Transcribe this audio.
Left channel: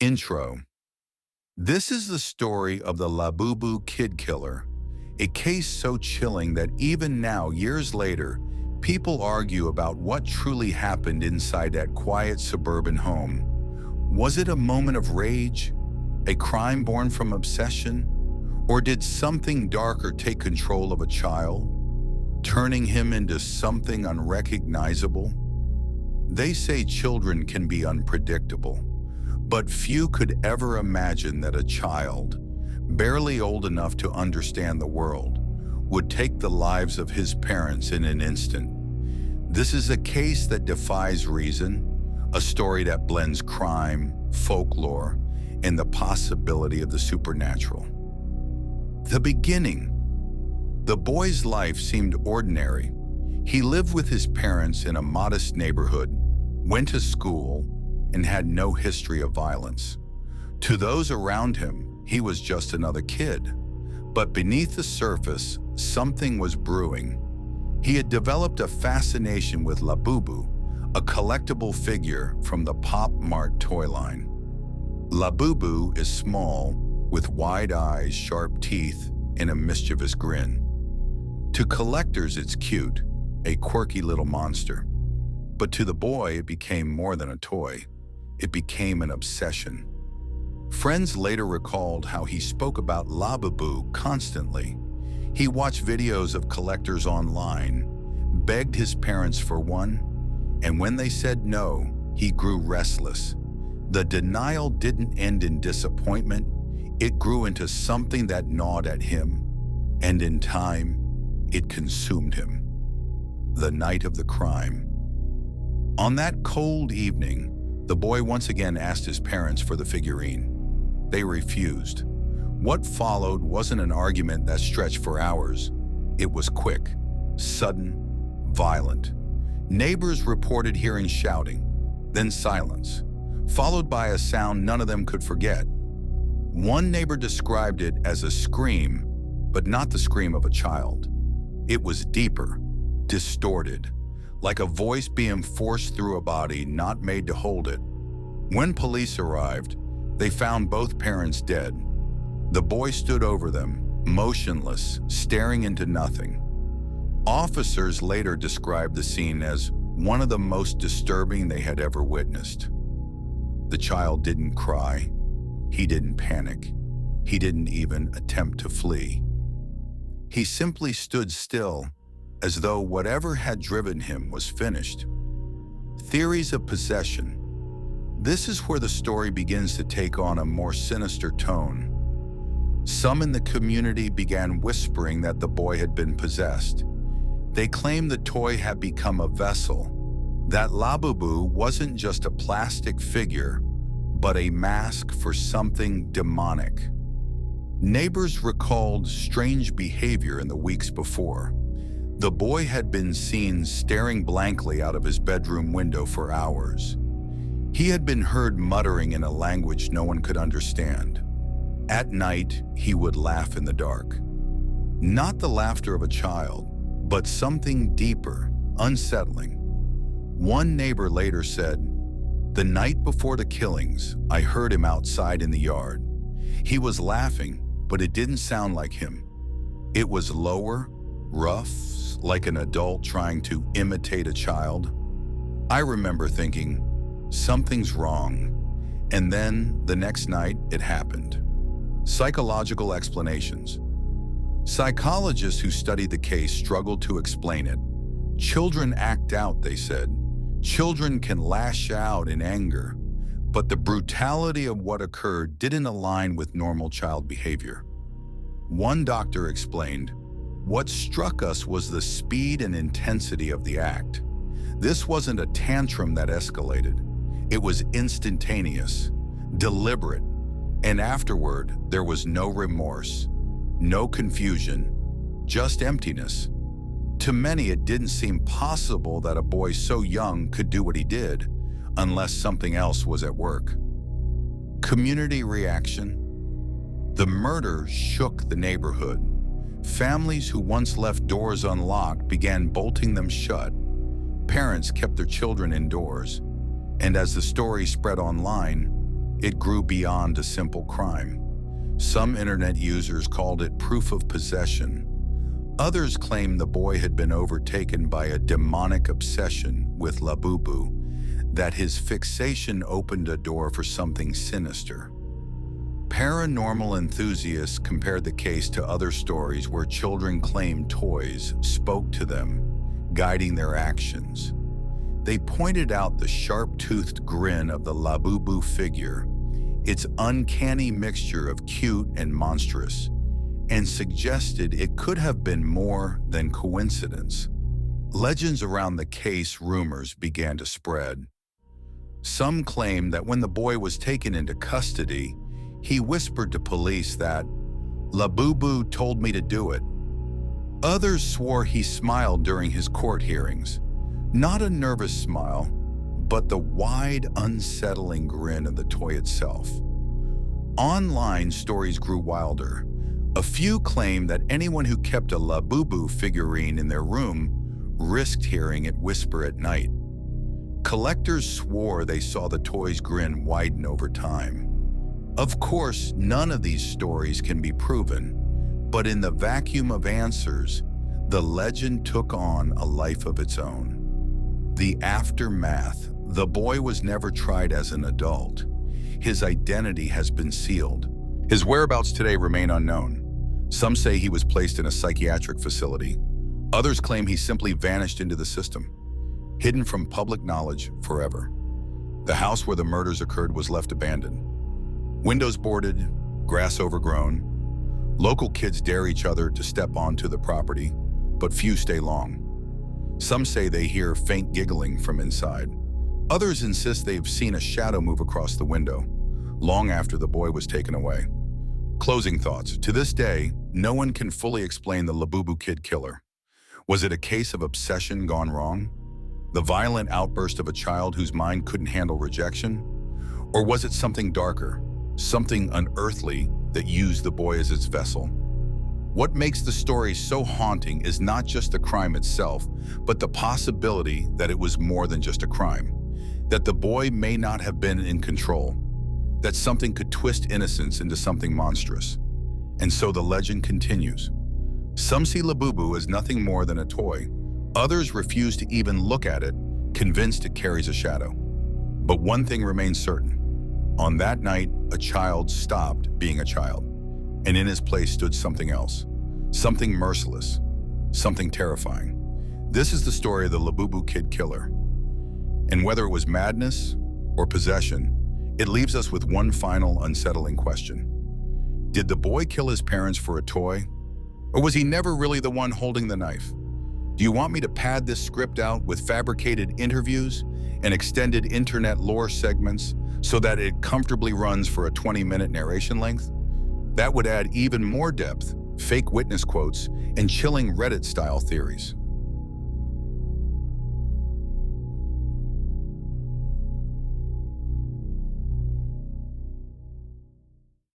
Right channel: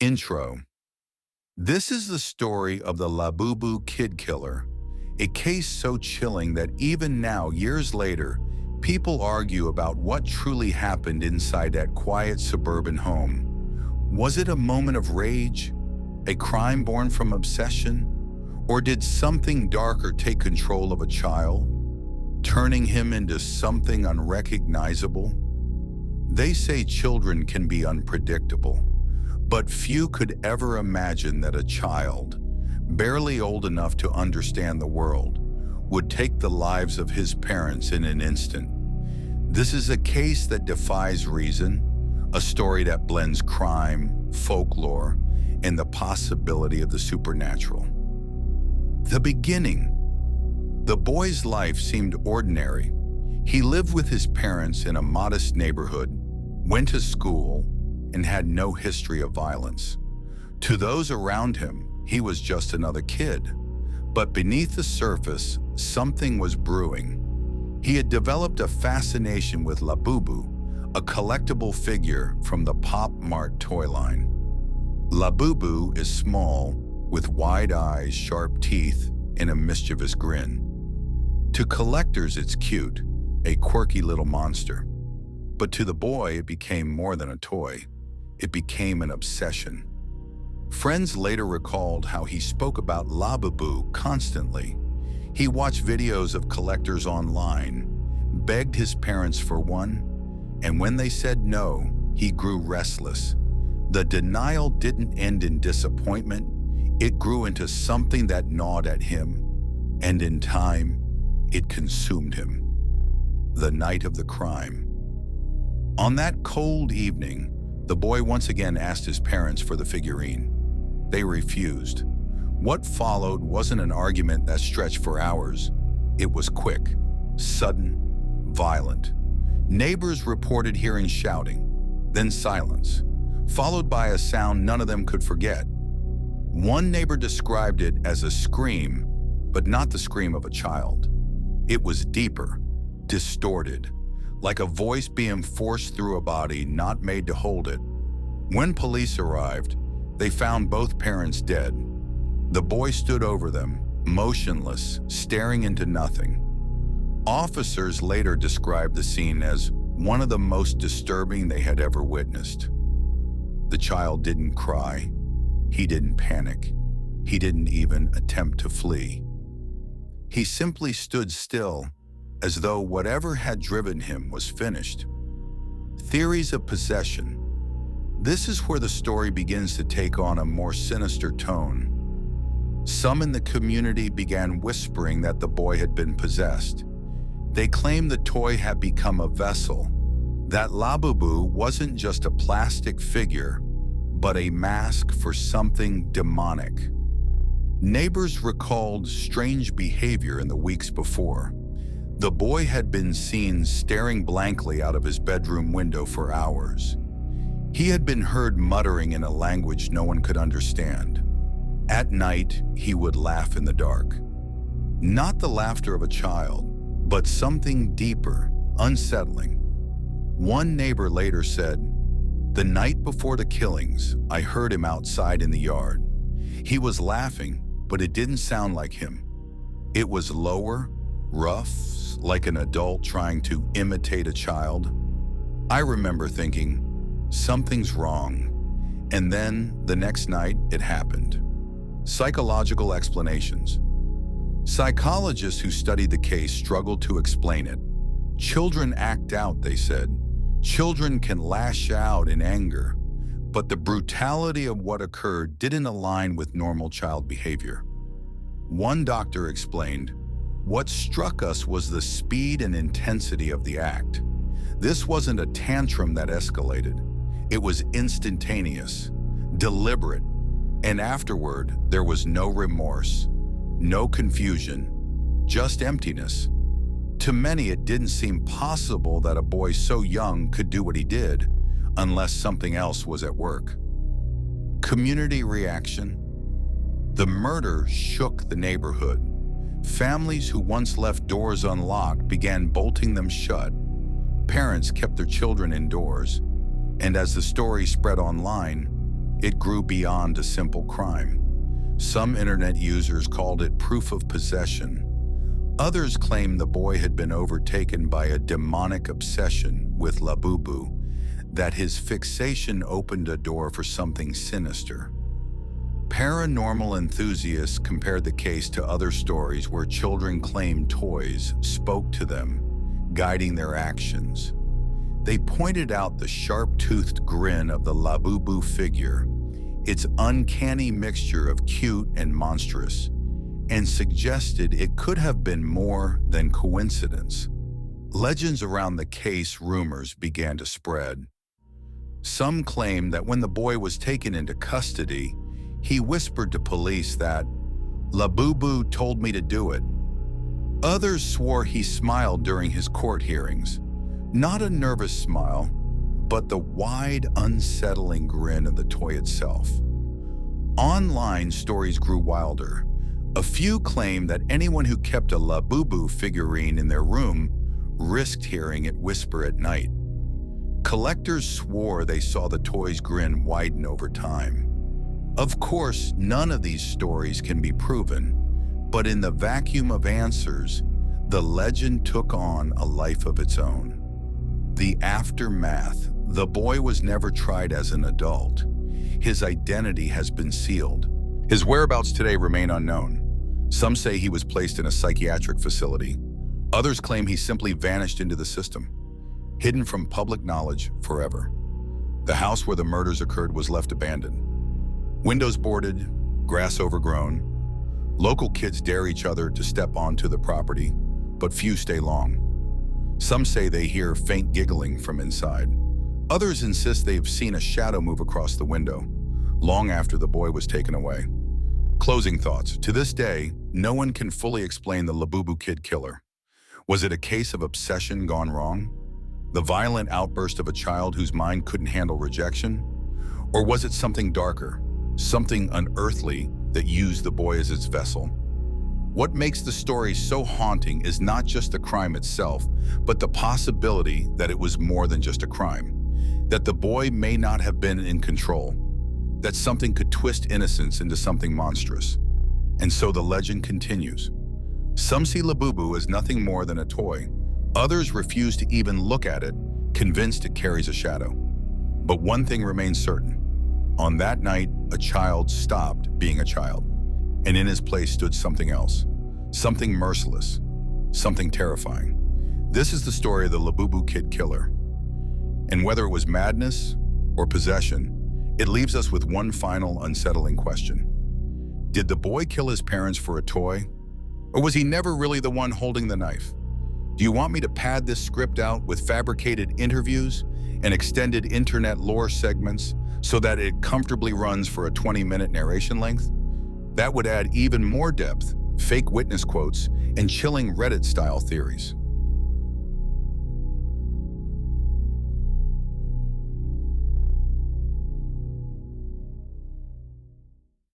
Intro. This is the story of the Labubu kid killer, a case so chilling that even now, years later, people argue about what truly happened inside that quiet suburban home. Was it a moment of rage, a crime born from obsession, or did something darker take control of a child, turning him into something unrecognizable? They say children can be unpredictable, but few could ever imagine that a child, barely old enough to understand the world, would take the lives of his parents in an instant. This is a case that defies reason, a story that blends crime, folklore, and the possibility of the supernatural. The beginning. The boy's life seemed ordinary. He lived with his parents in a modest neighborhood, went to school, and had no history of violence. To those around him, he was just another kid. But beneath the surface, something was brewing. He had developed a fascination with Labubu, a collectible figure from the Pop Mart toy line. Labubu is small, with wide eyes, sharp teeth, and a mischievous grin. To collectors, it's cute, a quirky little monster. But to the boy, it became more than a toy. It became an obsession. Friends later recalled how he spoke about Labubu constantly. He watched videos of collectors online, begged his parents for one, and when they said no, he grew restless. The denial didn't end in disappointment. It grew into something that gnawed at him, and in time, it consumed him. The night of the crime. On that cold evening, the boy once again asked his parents for the figurine. They refused. What followed wasn't an argument that stretched for hours. It was quick, sudden, violent. Neighbors reported hearing shouting, then silence, followed by a sound none of them could forget. One neighbor described it as a scream, but not the scream of a child. It was deeper, distorted, like a voice being forced through a body not made to hold it. When police arrived, they found both parents dead. The boy stood over them, motionless, staring into nothing. Officers later described the scene as one of the most disturbing they had ever witnessed. The child didn't cry. He didn't panic. He didn't even attempt to flee. He simply stood still, as though whatever had driven him was finished. Theories of possession. This is where the story begins to take on a more sinister tone. Some in the community began whispering that the boy had been possessed. They claimed the toy had become a vessel, that Labubu wasn't just a plastic figure, but a mask for something demonic. Neighbors recalled strange behavior in the weeks before. The boy had been seen staring blankly out of his bedroom window for hours. He had been heard muttering in a language no one could understand. At night, he would laugh in the dark. Not the laughter of a child, but something deeper, unsettling. One neighbor later said, "The night before the killings, I heard him outside in the yard. He was laughing, but it didn't sound like him. It was lower, rough, like an adult trying to imitate a child." I remember thinking, something's wrong. And then, the next night, it happened. Psychological explanations. Psychologists who studied the case struggled to explain it. Children act out, they said. Children can lash out in anger, but the brutality of what occurred didn't align with normal child behavior. One doctor explained, "What struck us was the speed and intensity of the act. This wasn't a tantrum that escalated. It was instantaneous, deliberate, and afterward, there was no remorse, no confusion, just emptiness. To many, it didn't seem possible that a boy so young could do what he did, unless something else was at work." Community reaction. The murder shook the neighborhood. Families who once left doors unlocked began bolting them shut. Parents kept their children indoors, and as the story spread online, it grew beyond a simple crime. Some internet users called it proof of possession. Others claimed the boy had been overtaken by a demonic obsession with Labubu, that his fixation opened a door for something sinister. Paranormal enthusiasts compared the case to other stories where children claimed toys spoke to them, guiding their actions. They pointed out the sharp-toothed grin of the Labubu figure, its uncanny mixture of cute and monstrous, and suggested it could have been more than coincidence. Legends around the case rumors began to spread. Some claimed that when the boy was taken into custody, he whispered to police that, "Labubu told me to do it." Others swore he smiled during his court hearings. Not a nervous smile, but the wide, unsettling grin of the toy itself. Online stories grew wilder. A few claimed that anyone who kept a Labubu figurine in their room risked hearing it whisper at night. Collectors swore they saw the toy's grin widen over time. Of course, none of these stories can be proven, but in the vacuum of answers, the legend took on a life of its own. The aftermath: the boy was never tried as an adult. His identity has been sealed. His whereabouts today remain unknown. Some say he was placed in a psychiatric facility. Others claim he simply vanished into the system, hidden from public knowledge forever. The house where the murders occurred was left abandoned. Windows boarded, grass overgrown. Local kids dare each other to step onto the property, but few stay long. Some say they hear faint giggling from inside. Others insist they've seen a shadow move across the window, long after the boy was taken away. Closing thoughts. To this day, no one can fully explain the Labubu kid killer. Was it a case of obsession gone wrong? The violent outburst of a child whose mind couldn't handle rejection? Or was it something darker, something unearthly that used the boy as its vessel? What makes the story so haunting is not just the crime itself, but the possibility that it was more than just a crime. That the boy may not have been in control. That something could twist innocence into something monstrous. And so the legend continues. Some see Labubu as nothing more than a toy. Others refuse to even look at it, convinced it carries a shadow. But one thing remains certain. On that night, a child stopped being a child, and in his place stood something else. Something merciless, something terrifying. This is the story of the Labubu kid killer. And whether it was madness or possession, it leaves us with one final unsettling question. Did the boy kill his parents for a toy? Or was he never really the one holding the knife? Do you want me to pad this script out with fabricated interviews and extended internet lore segments so that it comfortably runs for a 20-minute narration length? That would add even more depth, fake witness quotes, and chilling Reddit-style theories.